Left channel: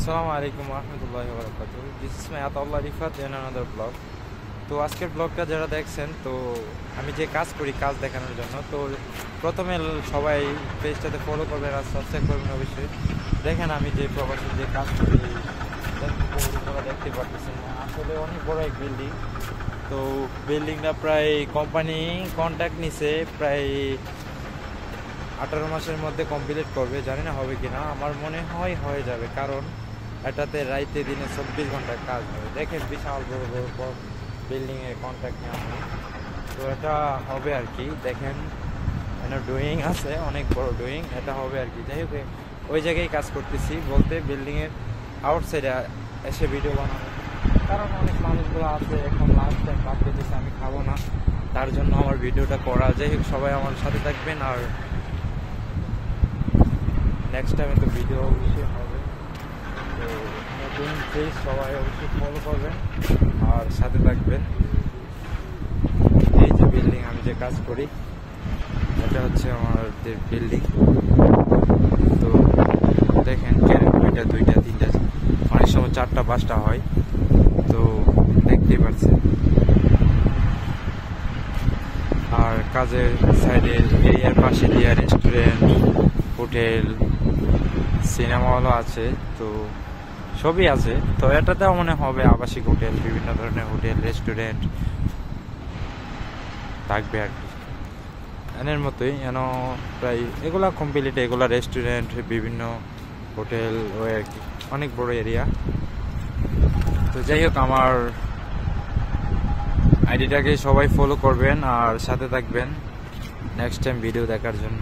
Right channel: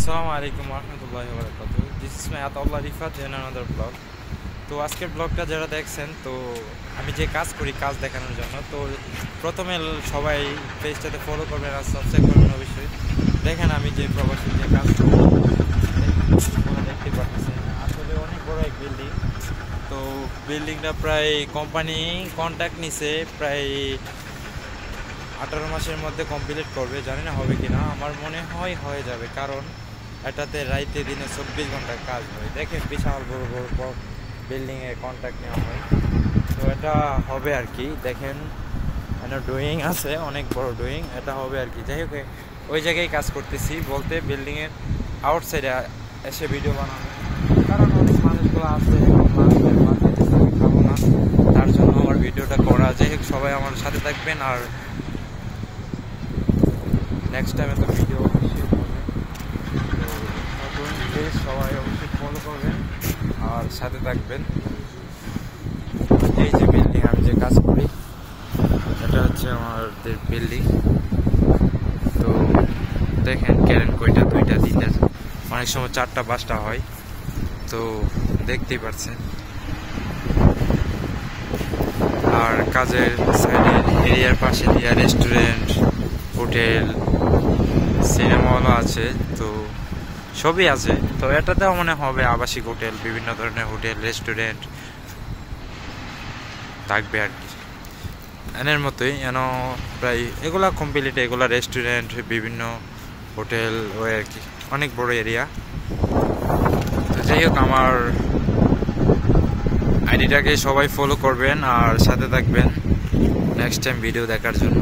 আসসালামু আলাইকুম রহমতুল্লাহি ওয়া বারাকাতুহু। This is my Ataullah Rifat in another blog. তো আজকের ব্লগটা যারা দেখছেন, তো আমি যে কাজ করি কাজ দেখানোর জন্য, তো প্রথমে সবাই পেজটাতে ফলো করবেন আর সাবস্ক্রাইব করবেন অবশ্যই। দেখেন আমি যে প্রবাসী যে কাজ করি, দেখতে পারতেছেন আসলে অনেক বড় এক বিল্ডিং। তো বিল্ডিংটা প্রায় কোম্পানি কন্ট্রাক্ট নিছে, প্রায় 18 মাসের মধ্যে কমপ্লিট করবে। জানি না হবে কি না, আমার মনে হয় হয়ে যাবে, কারণ এটাতে রাইতে দিনে 24 ঘন্টার কাজ হয়। দেখেন বিশাল বড় বড় বিল্ডিংয়ের কন্ট্রাক্ট নেওয়া হয়, তো এটা হবে আর কি। দেখেন এটা ড্রয়িং আছে, অনেক বড় ড্রয়িং, এটা হবে আর কি। যাই হোক, ওই জায়গায় কাজ করতেছি বলতে বিল্ডিংয়ের আউটসাইডে এসে ভিডিও বানানো, কারণ অনেক মানুষগুলো আছে এখন লাঞ্চের বাসাইতেছে, আমি খাবো না, তার জন্য আমার ভিডিওটা করা। যাই হোক, সবাই আমার সাথে থাকবেন, আর নেক্সট টাইমে তো ভিডিও অবশ্যই হবে। তো নতুন পেজ সবাই অবশ্যই ফলো করবেন আর সাথে থাকবেন। এই যে বিল্ডিং আমি যে কাজ করি, এটা হচ্ছে আমাদের বিল্ডিং। তো দেখেন ক্যারেন কয়টা, 2টা 3টা, অনেক সময় 4টা 5টা হয়, তো দেখতেই পাচ্ছেন। আর কাজের সাইডের এরিয়ার পাশে দিয়ে রেস্টুরেন্ট, হোটেল, সিনেমা হলও আছে, তো সবই আছে। তো এটাতেও মনে হবে আবাসিক হোটেল, বিভিন্ন ধরনের হোটেল রেস্টুরেন্ট থাকবে আর কি। এনের মতোই প্রায় এগুলা কমপ্লিট, এগুলা রেস্টুরেন্ট, বিভিন্ন হোটেল ওই আর কি, অনেক বড় এরিয়া। তো যাই হোক, আমার আইডিটাকে সবাই ফলো করবেন আর সাথে থাকবেন নেক্সট টাইম ভিডিও দেখার জন্য।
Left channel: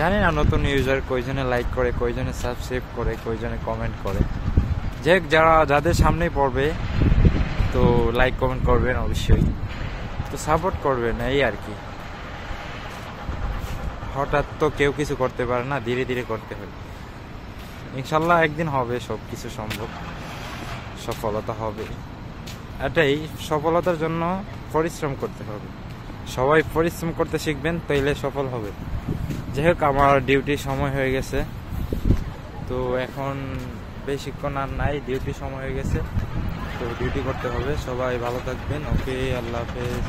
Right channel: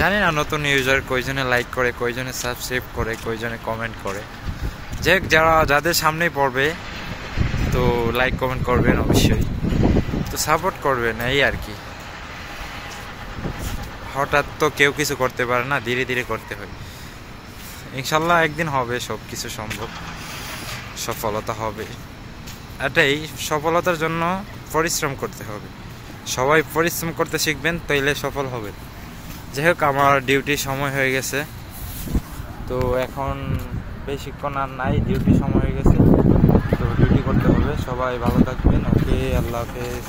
জানি না নতুন ইউজার কয়জনে লাইক করে, কয়জনে সাবস্ক্রাইব করে, কয়জনে কমেন্ট করে। যাদের সামনেই পড়বে, তো লাইক কমেন্ট করবেন অবশ্যই, তো সাপোর্ট করবেন, এই আর কি। হঠাৎ তো কেউ কিছু করতে পারে না, ধীরে ধীরে করতে হয়। ইনশাল্লাহ একদিন হবে, সব কিছু সম্ভব, সফলতা হবে। এটাই, সফলতার জন্য পরিশ্রম করতে হবে। সবাই পরিশ্রম করতে শিখবেন, তাইলে সফল হবে। যাই হোক, আমার ডিউটির সময় হয়ে গেছে, তো এখন বেশিক্ষণ আর নাই, ডিউটির সময় হয়ে গেছে, তো ডিউটি করতে হবে। সবাই ভালো থাকবেন, ওকে, আল্লাহ হাফেজ।